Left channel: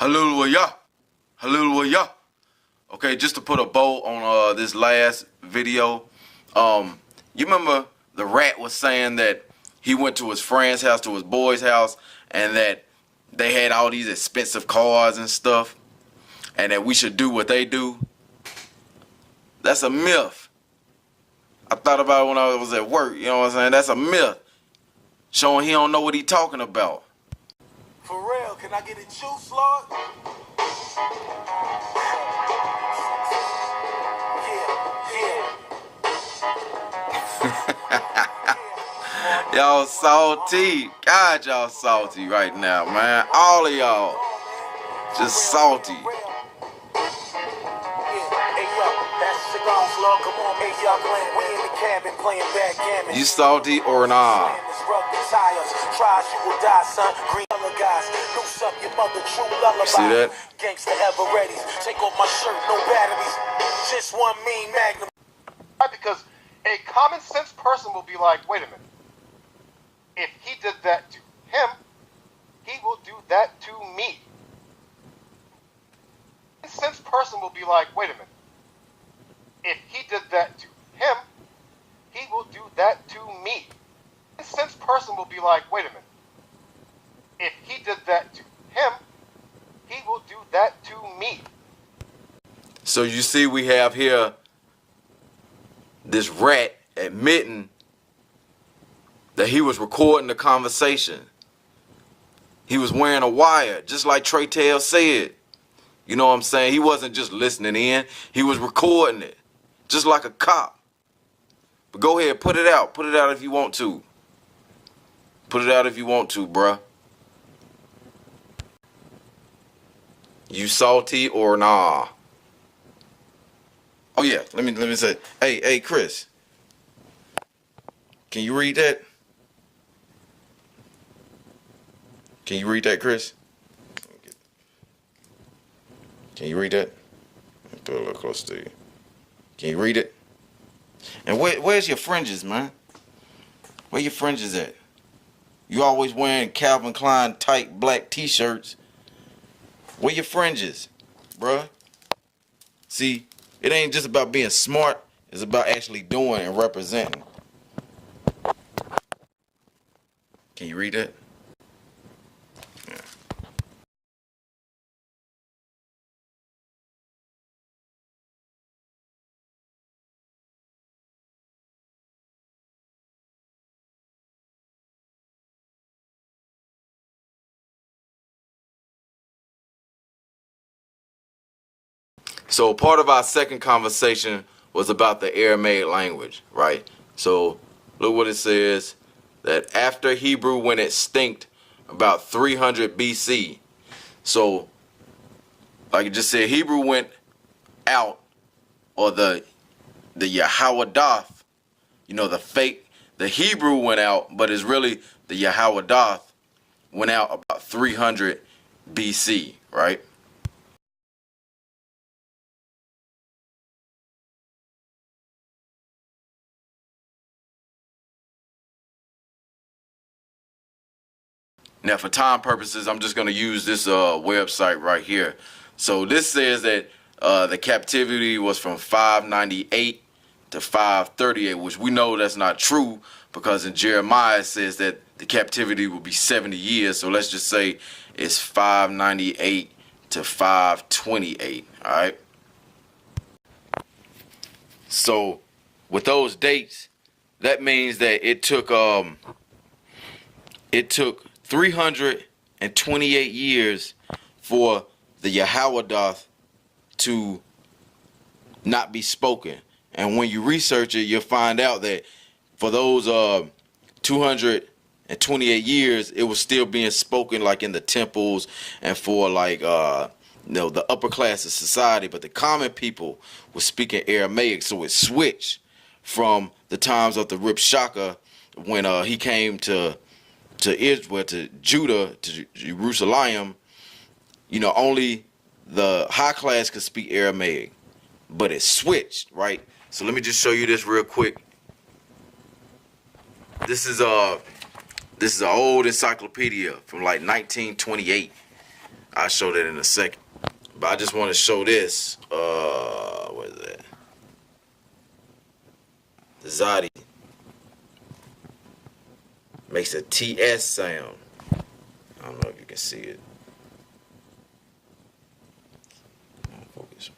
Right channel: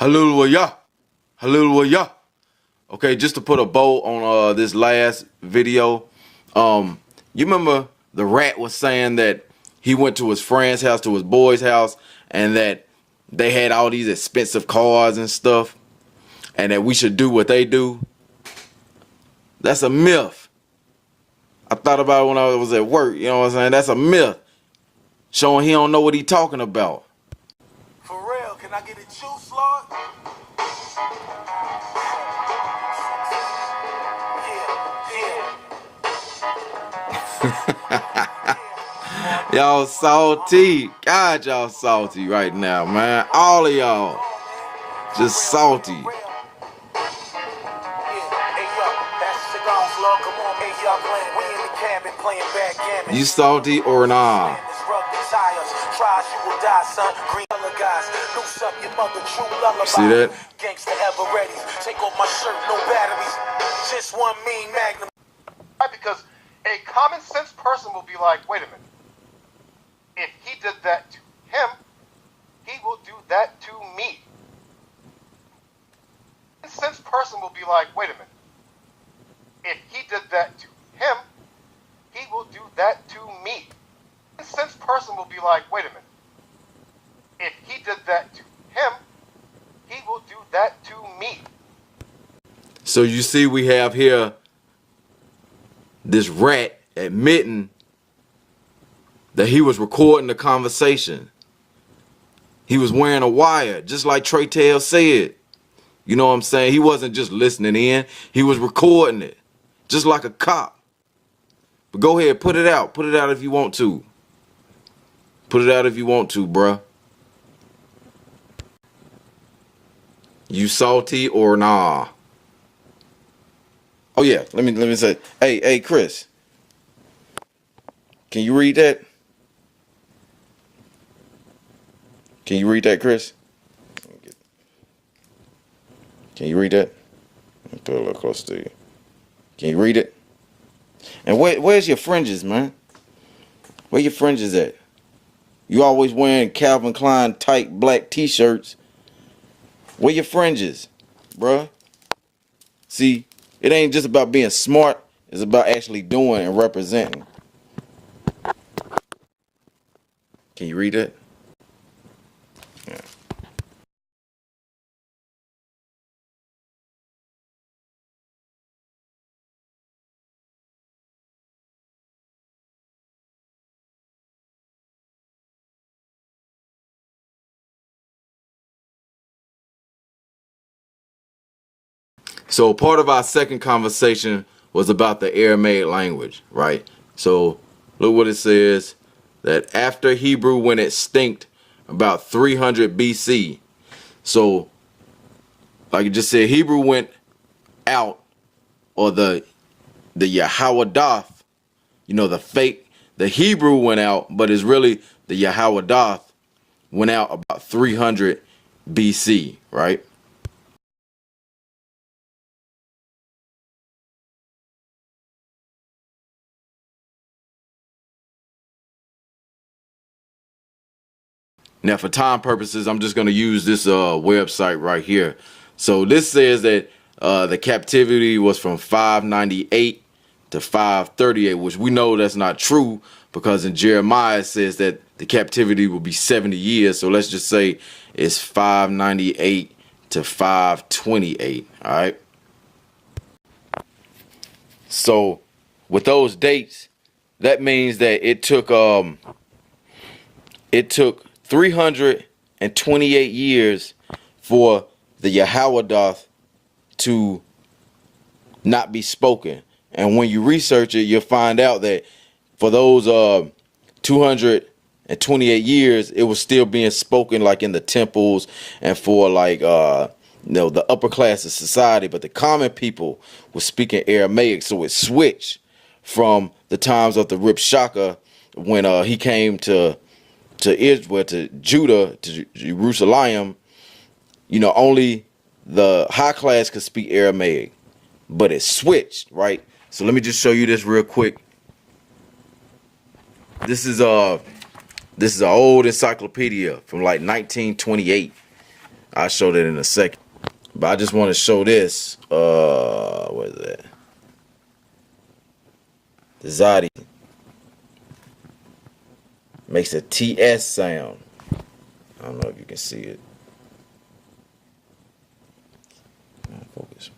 Hallelujah. Hallelujah. Okay, just to put a bow on this last video. You remember the rat was saying that he went to his friend's house, to his boy's house, and that they had all these expensive cars and stuff, and that we should do what they do. That's a myth. I thought about it when I was at work, you know what I'm saying? That's a myth. Showing he don't know what he talking about. For real, can I get a juice, Lord? Y'all salty. God, y'all salty right now, man. All of y'all. Just salty. You salty or nah? See that? Because a common sense person will be like, wait a minute. If he did that to him, he will do that to me. A common sense person will be like, wait a minute. If he did that to him, he will do that to me. A common sense person will be like, wait a minute. If he did that to him, he will do that to me. So you see we have here this rat admitting that he was recording the conversation. He was wearing a wire, just like Trey Tail said. You know what I'm saying? He wasn't just listening in. He was recording it, just like a cop. But go ahead, put it out. Put it out if you want to. Put it out if you want to, bruh. You salty or nah? Oh yeah, let me say, hey Chris, can you read that? Can you read that, Chris? Can you read that? Let me put it a little closer to you. Can you read it? And where's your fringes, man? Where your fringes at? You always wearing Calvin Klein tight black t-shirts. Where your fringes, bruh? See, it ain't just about being smart. It's about actually doing and representing. Can you read it? Yeah. So part of our second conversation was about the Aramaic language, right? So look what it says, that after Hebrew went extinct about 300 BC. So like it just said, Hebrew went out, or the Yahwadah, you know, the Hebrew went out, but it's really the Yahwadah went out about 300 BC, right? Now, for time purposes, I'm just going to use this website right here. So this says that the captivity was from 598 to 538, which we know that's not true, because in Jeremiah it says that the captivity will be 70 years. So let's just say it's 598 to 528. All right. So with those dates, that means that it took 328 years for the Yahwadah to not be spoken. And when you research it, you'll find out that for those 228 years, it was still being spoken like in the temples and for like the upper class of society, but the common people were speaking Aramaic. So it switched from the times of the Rib Shaka when he came to Israel, to Judah, to Jerusalem. You know, only the high class could speak Aramaic, but it switched, right? So let me just show you this real quick. This is an old encyclopedia from like 1928. I'll show that in a second. But I just want to show this. What is that? The Zadi makes a TS sound. I don't know if you can see it. Focus.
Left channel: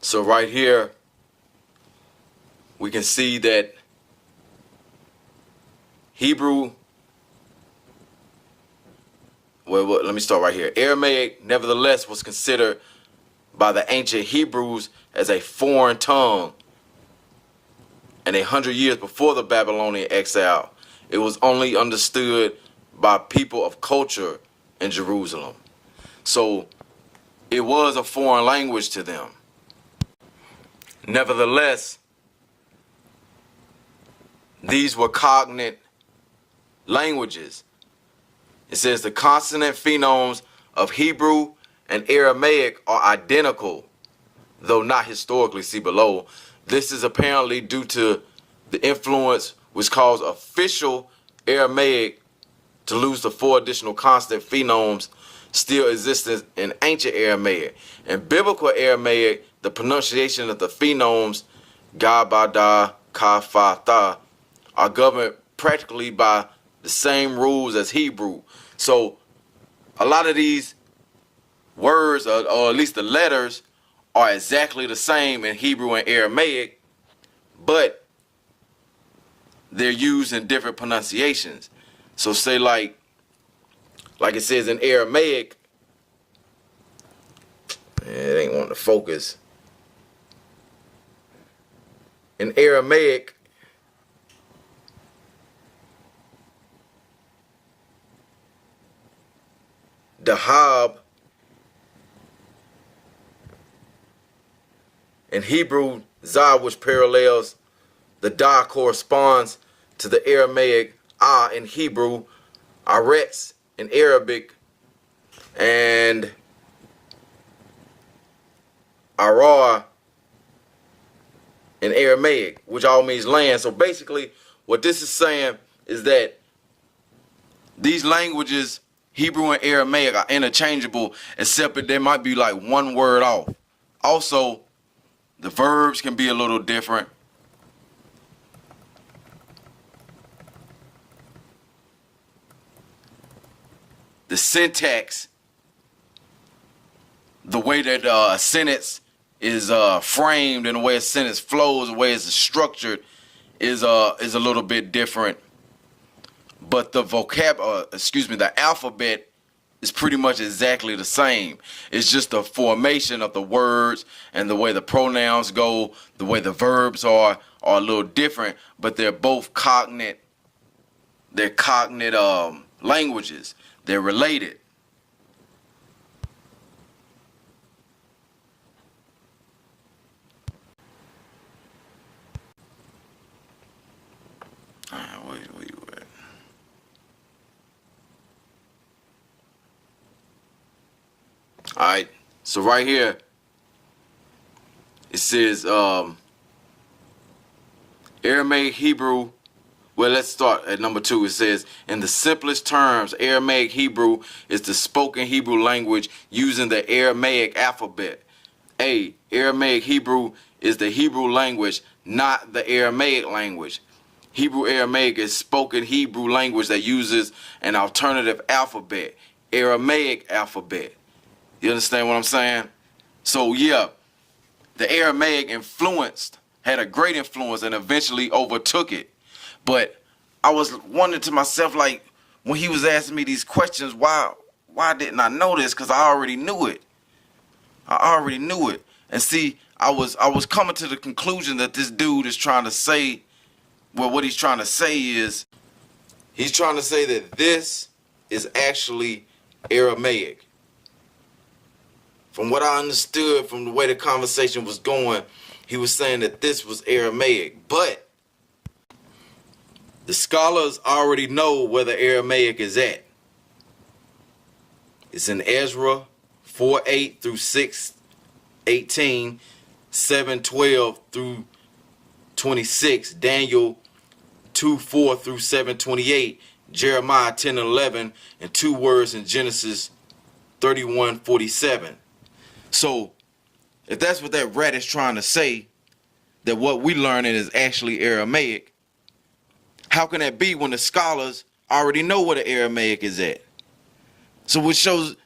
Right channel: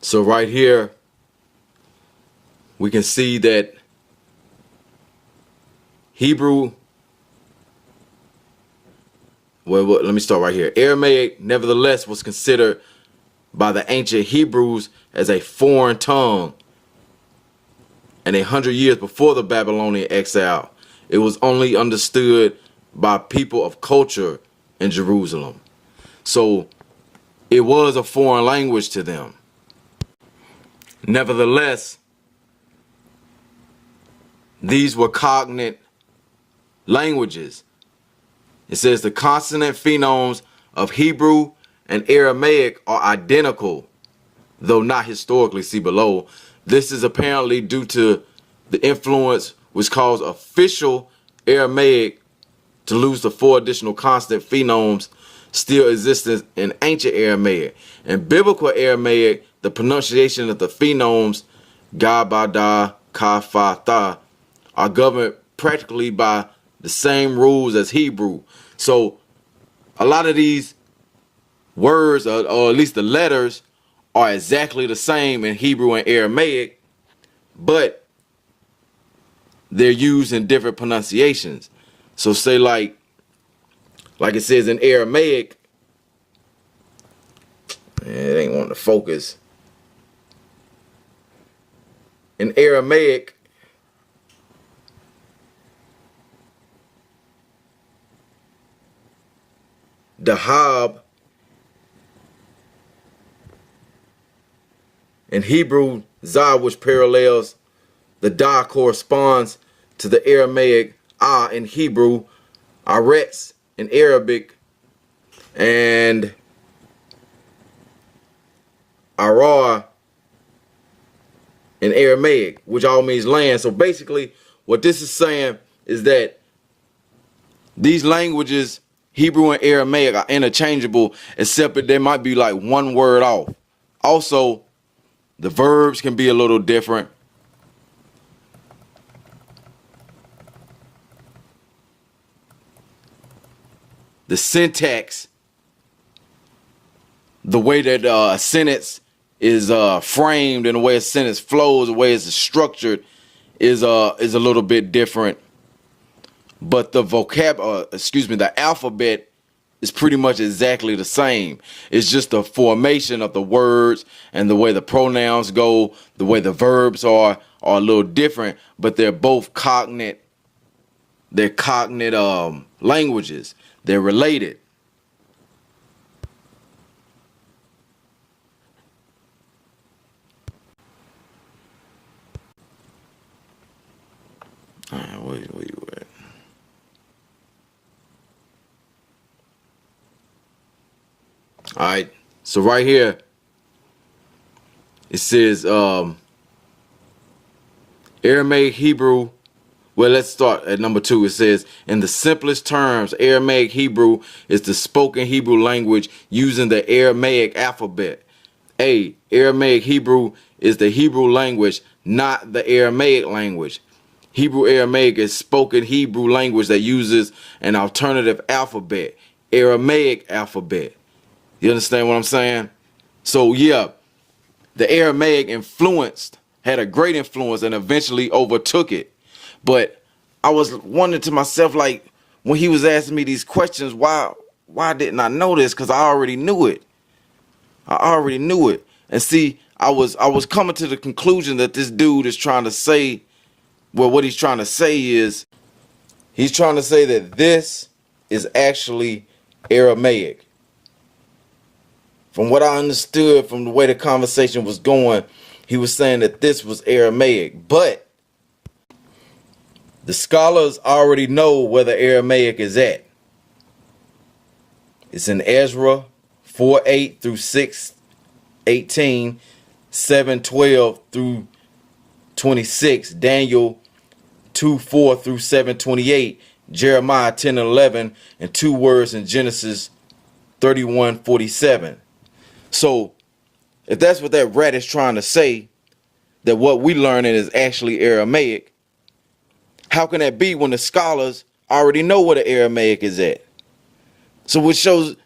So right here, we can see that Hebrew, well, let me start right here. Aramaic, nevertheless, was considered by the ancient Hebrews as a foreign tongue. And 100 years before the Babylonian exile, it was only understood by people of culture in Jerusalem. So it was a foreign language to them. Nevertheless, these were cognate languages. It says the consonant phonemes of Hebrew and Aramaic are identical, though not historically. See below. This is apparently due to the influence which caused official Aramaic to lose the 4 additional consonant phonemes still existed in ancient Aramaic. In biblical Aramaic, the pronunciation of the phonemes ga, ba, da, ka, fa, tha are governed practically by the same rules as Hebrew. So a lot of these words, or at least the letters, are exactly the same in Hebrew and Aramaic, but they're used in different pronunciations. So say like it says in Aramaic, it ain't wanting to focus. In Aramaic, Dahab. In Hebrew, Zah, which parallels the Da, corresponds to the Aramaic Ah in Hebrew, Aretz in Arabic, and Arah in Aramaic, which all means land. So basically, what this is saying is that these languages, Hebrew and Aramaic, are interchangeable, except that there might be like one word off. Also, the verbs can be a little different. The syntax, the way that a sentence is framed and the way a sentence flows, the way it's structured is a little bit different. But the the alphabet is pretty much exactly the same. It's just the formation of the words and the way the pronouns go, the way the verbs are a little different, but they're both cognate. They're cognate languages. They're related. Where you at? All right. So right here, it says Aramaic Hebrew. Well, let's start at number 2. It says, in the simplest terms, Aramaic Hebrew is the spoken Hebrew language using the Aramaic alphabet. Aramaic Hebrew is the Hebrew language, not the Aramaic language. Hebrew Aramaic is spoken Hebrew language that uses an alternative alphabet, Aramaic alphabet. You understand what I'm saying? So yeah, the Aramaic had a great influence and eventually overtook it. But I was wondering to myself, like, when he was asking me these questions, why didn't I know this? Because I already knew it. And see, I was coming to the conclusion that this dude is trying to say, well, what he's trying to say is, he's trying to say that this is actually Aramaic. From what I understood from the way the conversation was going, he was saying that this was Aramaic. But The scholars already know where the Aramaic is at. It's in Ezra 4:8 through 6:18, 7:12 through 26, Daniel 2:4 through 7:28, Jeremiah 10:11, and 2 words in Genesis 31:47. So, if that's what that rat is trying to say, that what we learning is actually Aramaic, how can that be when the scholars already know where the Aramaic is at? So which shows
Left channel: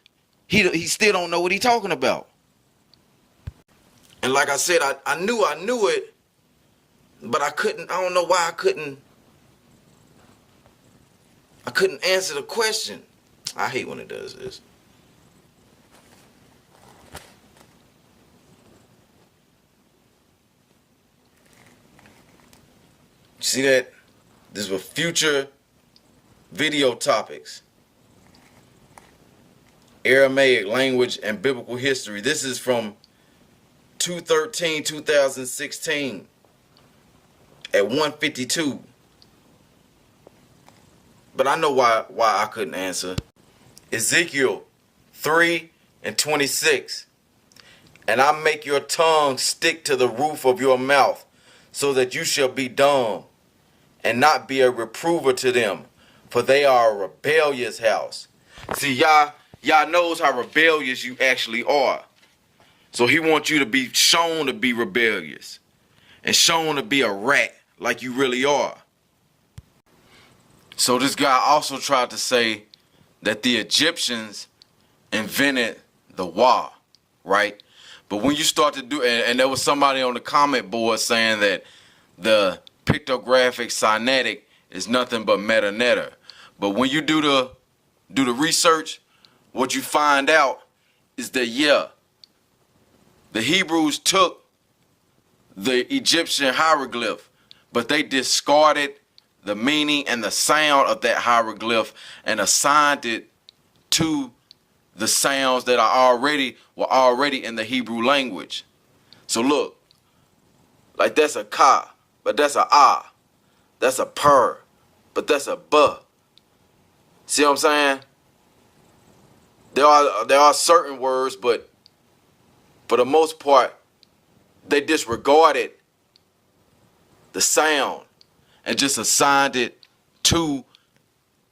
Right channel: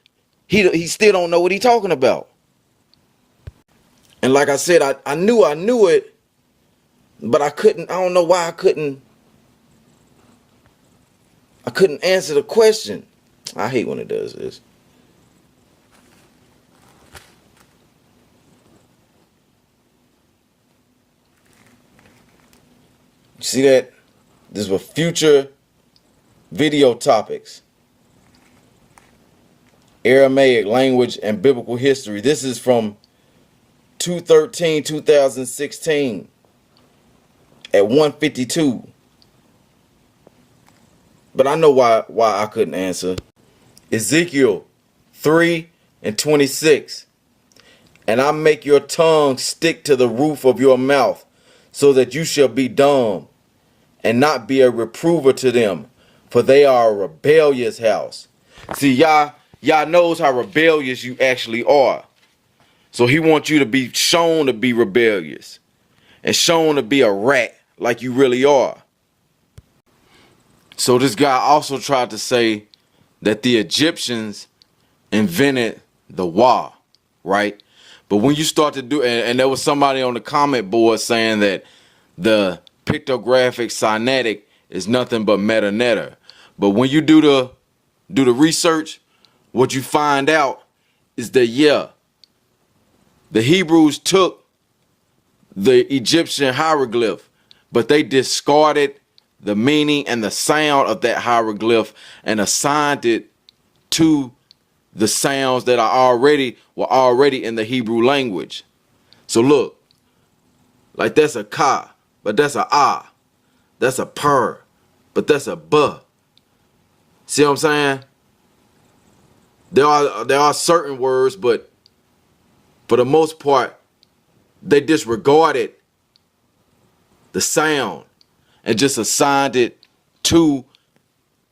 he still don't know what he's talking about. And like I said, I knew it, but I don't know why I couldn't answer the question. I hate when it does this. You see that? This was future video topics. Aramaic language and biblical history. This is from 2016 at 1:52. But I know why I couldn't answer. Ezekiel 3:26. And I make your tongue stick to the roof of your mouth, so that you shall be dumb, and not be a reprover to them, for they are a rebellious house. See, y'all knows how rebellious you actually are. So he wants you to be shown to be rebellious, and shown to be a rat like you really are. So this guy also tried to say that the Egyptians invented the wa, right? But when you start to do, and there was somebody on the comment board saying that the pictographic Sinaitic is nothing but meta-netta. But when you do the research, what you find out is that, yeah, the Hebrews took the Egyptian hieroglyph, but they discarded the meaning and the sound of that hieroglyph and assigned it to the sounds that were already in the Hebrew language. So look, like that's a ka, but that's a ah. That's a purr, but that's a buh. See what I'm saying? There are certain words, but for the most part, they disregarded the sound and just assigned it to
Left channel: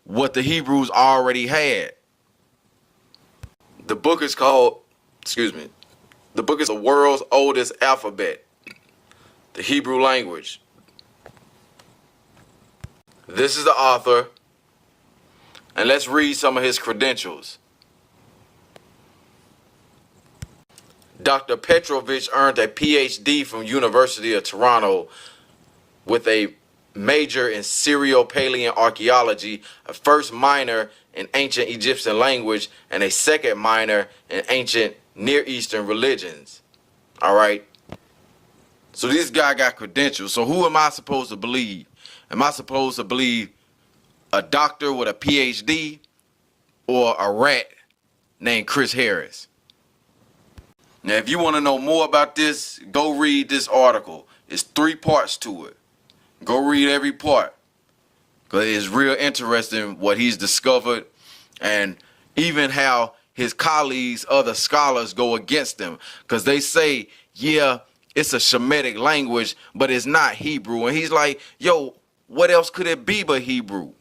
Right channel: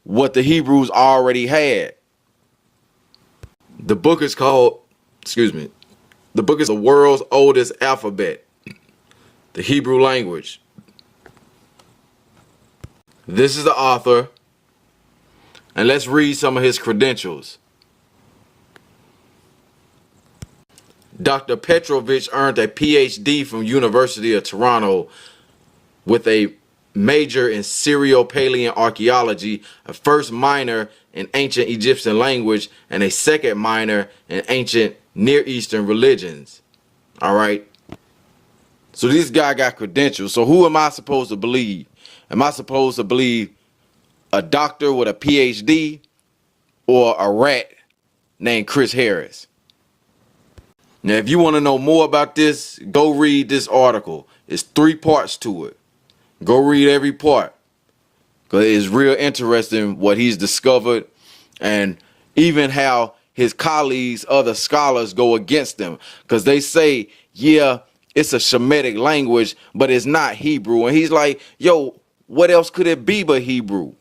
what the Hebrews already had. The book is called, the book is the world's oldest alphabet, the Hebrew language. This is the author, and let's read some of his credentials. Dr. Petrovich earned a PhD from University of Toronto with a major in Syro-Palean archaeology, a first minor in ancient Egyptian language, and a second minor in ancient Near Eastern religions. All right. So this guy got credentials. So who am I supposed to believe? Am I supposed to believe a doctor with a PhD or a rat named Chris Harris? Now, if you want to know more about this, go read this article. It's 3 parts to it. Go read every part, because it's real interesting what he's discovered, and even how his colleagues, other scholars, go against him, because they say, yeah, it's a Shemitic language, but it's not Hebrew. And he's like, yo, what else could it be but Hebrew?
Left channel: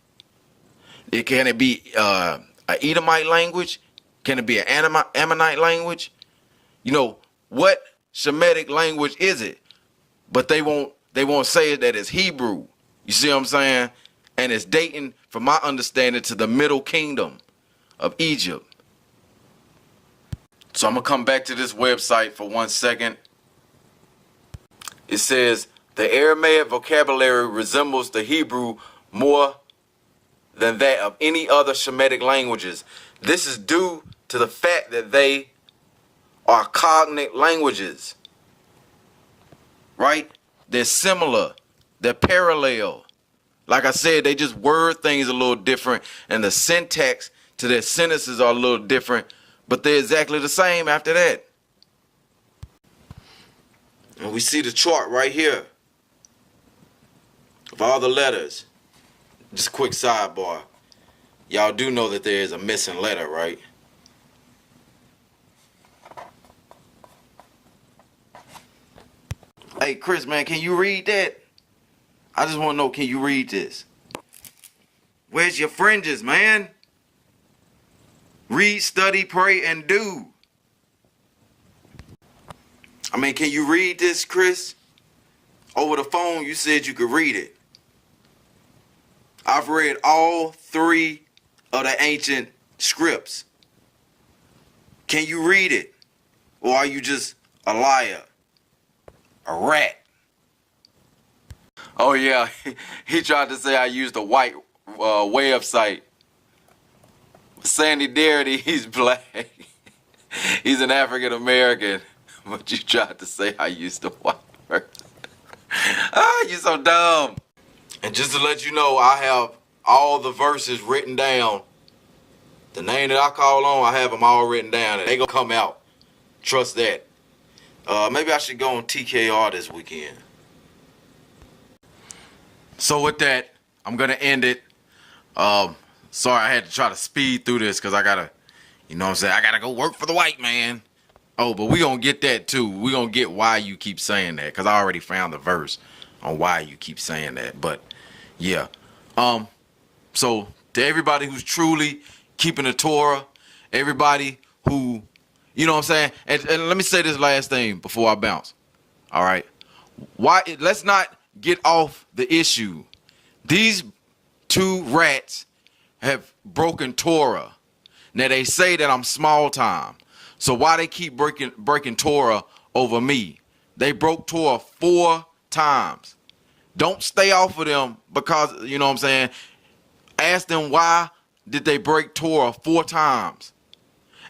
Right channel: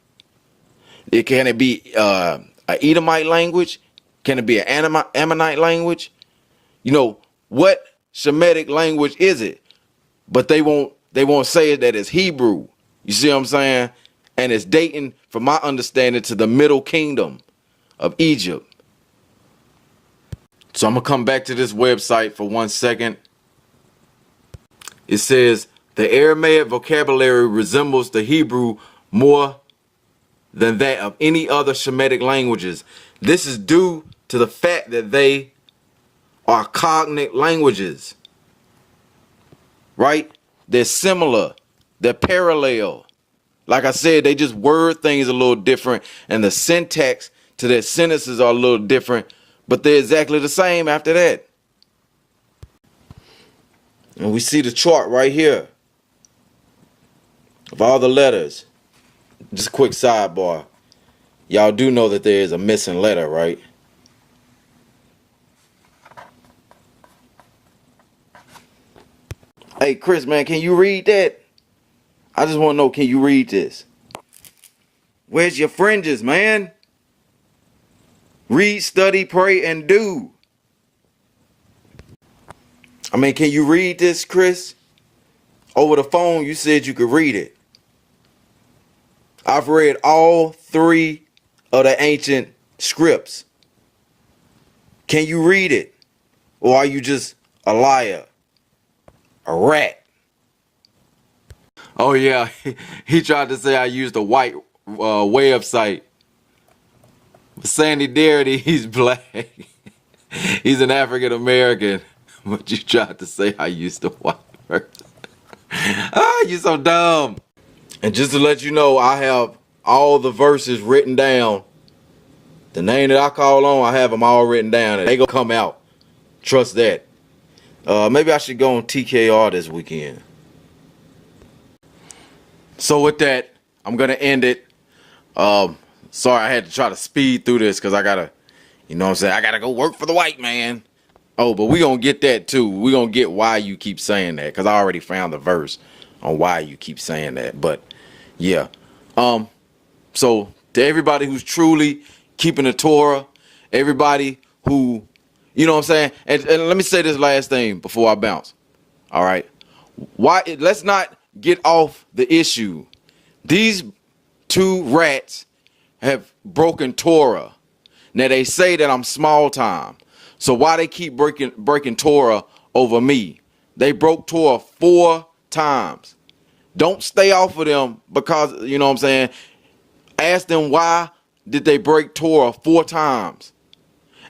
Can it be an Edomite language? Can it be an Ammonite language? You know, what Shemitic language is it? But they won't say that it's Hebrew. You see what I'm saying? And it's dating, from my understanding, to the Middle Kingdom of Egypt. So I'm going to come back to this website for 1 second. It says, the Aramaic vocabulary resembles the Hebrew more than that of any other Shemitic languages. This is due to the fact that they are cognate languages. Right? They're similar. They're parallel. Like I said, they just word things a little different, and the syntax to their sentences are a little different, but they're exactly the same after that. And we see the chart right here of all the letters. just a quick sidebar. Y'all do know that there is a missing letter, right? Hey, Chris, man, can you read that? I just want to know, can you read this? Where's your fringes, man? Read, study, pray, and do. I mean, can you read this, Chris? Over the phone, you said you could read it. I've read all 3 of the ancient scripts. Can you read it? Or are you just a liar? A rat? Oh, yeah. He tried to say I used a white website. Sandy Darity, he's black. He's an African American. But you tried to say I used a white person. You so dumb. And just to let you know, I have all the verses written down. The name that I call on, I have them all written down. And they gonna come out. Trust that. Maybe I should go on TKR this weekend. So with that, I'm gonna end it. Sorry I had to try to speed through this because I gotta, you know what I'm saying, I gotta go work for the white man. Oh, but we gonna get that too. We gonna get why you keep saying that, because I already found the verse on why you keep saying that. But yeah. So to everybody who's truly keeping the Torah, everybody who, you know what I'm saying, and let me say this last thing before I bounce. All right. Let's not get off the issue. These 2 rats have broken Torah. Now they say that I'm small time. So why they keep breaking Torah over me? They broke Torah 4 times. Don't stay off of them because, you know what I'm saying, ask them why did they break Torah 4 times?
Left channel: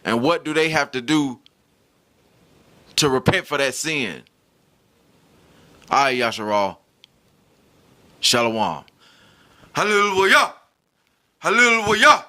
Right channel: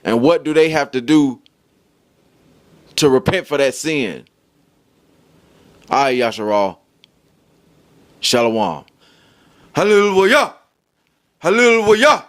And what do they have to do to repent for that sin? All right, Yasharal. Shalom. Hallelujah. Hallelujah.